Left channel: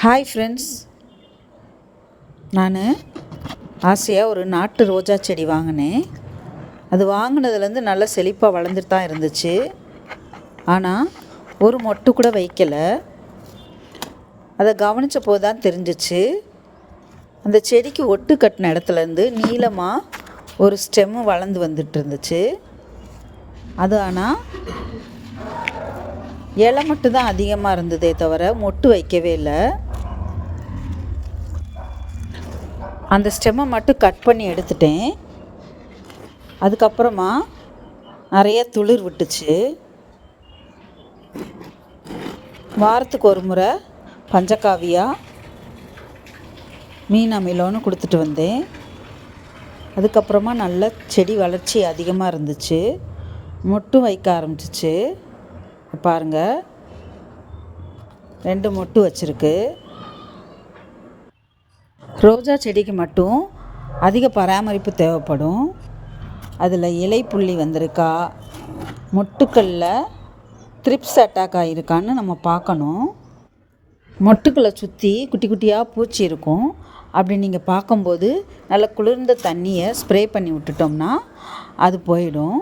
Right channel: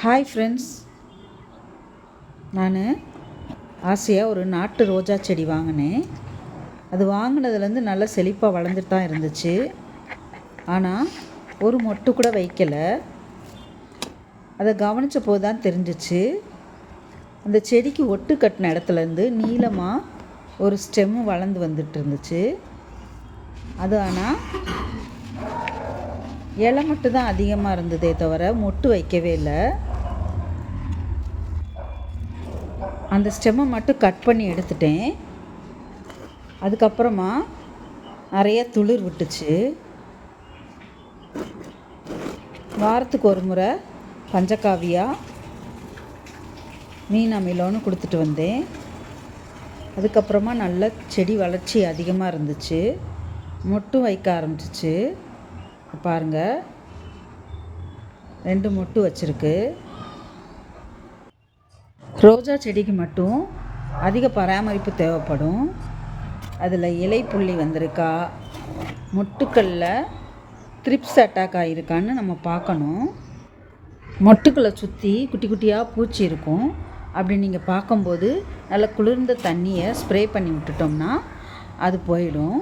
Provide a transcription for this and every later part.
Hi friends, நான் ஆசையாக ஒரு நாட்டு ரோஜா செடி வாங்கினேன். அது வாங்கினதுலேருந்து நல்லா செழிப்பாக வளர்ந்துட்டு தான் இருந்துச்சு. ஆனால் ஒரு மொட்டு கூட வைக்கலை. அதை கவனித்த போது தான் தெரிஞ்சிச்சு, அந்த செடிக்கு ஒட்டு கட்டின இடத்துலேருந்து நீளமாக ஒரு ஸ்டெம்மு வளர்ந்து வந்துட்டு இருந்துச்சு. அது ஆனால் இலை மட்டும் தான் அதிகமாக இருந்ததே தவிர மொட்டு வைக்கவே இல்லை. அந்த ஸ்டெம்மை மட்டும் கட் பண்ணி எடுத்துட்டேன். அதுக்கப்புறமா நிறைய துளிர் விட்டுச்சு. வாரத்துக்கு ஒரு முறை பஞ்சகாவியா மீன் அமிலம்னு கொடுத்துட்டு வந்தேன். அதுக்கப்புறமா நல்ல செடி வளர்ச்சி அதிகமாக இருந்துச்சு. மொட்டும் வைக்க ஆரம்பிச்சிச்சு. பாருங்கள், 2 மொட்டு வச்சுருக்கு. ரோஜா செடிக்கு மட்டும் அதிக பராமரிப்பு தேவைப்படும். அதில் இலை புள்ளி வந்திருக்கா, மொட்டுக்களில் த்ரிப்ஸ் அட்டாக் ஆகிருக்கான்னு நம்ம பார்க்கணும். மொட்டுக்களை சுற்றி குட்டி குட்டியாக பூச்சி இருக்கும். அப்படி நீங்கள் பார்க்கும்போது நல்ல குளிர்ந்த தண்ணியை ஸ்ப்ரே பண்ணி விட்டுட்டோம்னா அது போயிடும்.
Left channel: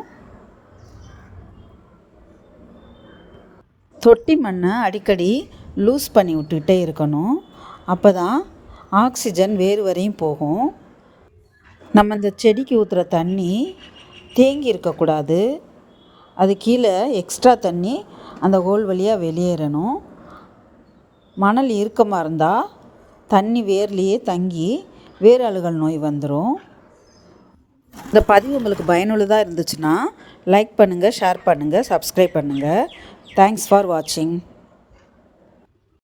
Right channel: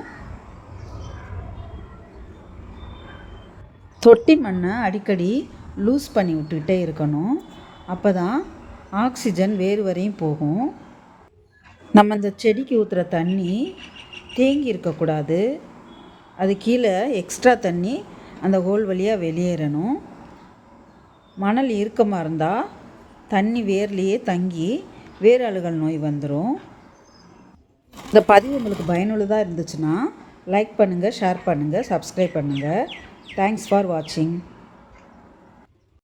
தொட்டி மண்ணை அடிக்கடி லூஸ் பண்ணி விட்டுக்கிட்டே இருக்கணும். அப்போ தான் ஆக்சிஜன் வேறு வரையும் போகும். நம்ம அந்த செடிக்கு ஊற்றுற தண்ணி தேங்கி இருக்கக்கூடாது. அது கீழே எக்ஸ்ட்ரா தண்ணி அந்த ஹோல் வழியாக வெளியேறணும். மணல் இறுக்கமாக இருந்தால் தண்ணி வேர்லேயே தங்கி வேர் அழுகல் நோய் வந்துடும். இந்த பதிவு உங்களுக்கு பயனுள்ளதாக இருந்துச்சுன்னா லைக் பண்ணுங்கள், ஷேர் பண்ணுங்கள், சப்ஸ்கிரைப் பண்ணுங்கள். தேங்க்ஸ் ஃபார் வாட்சிங்.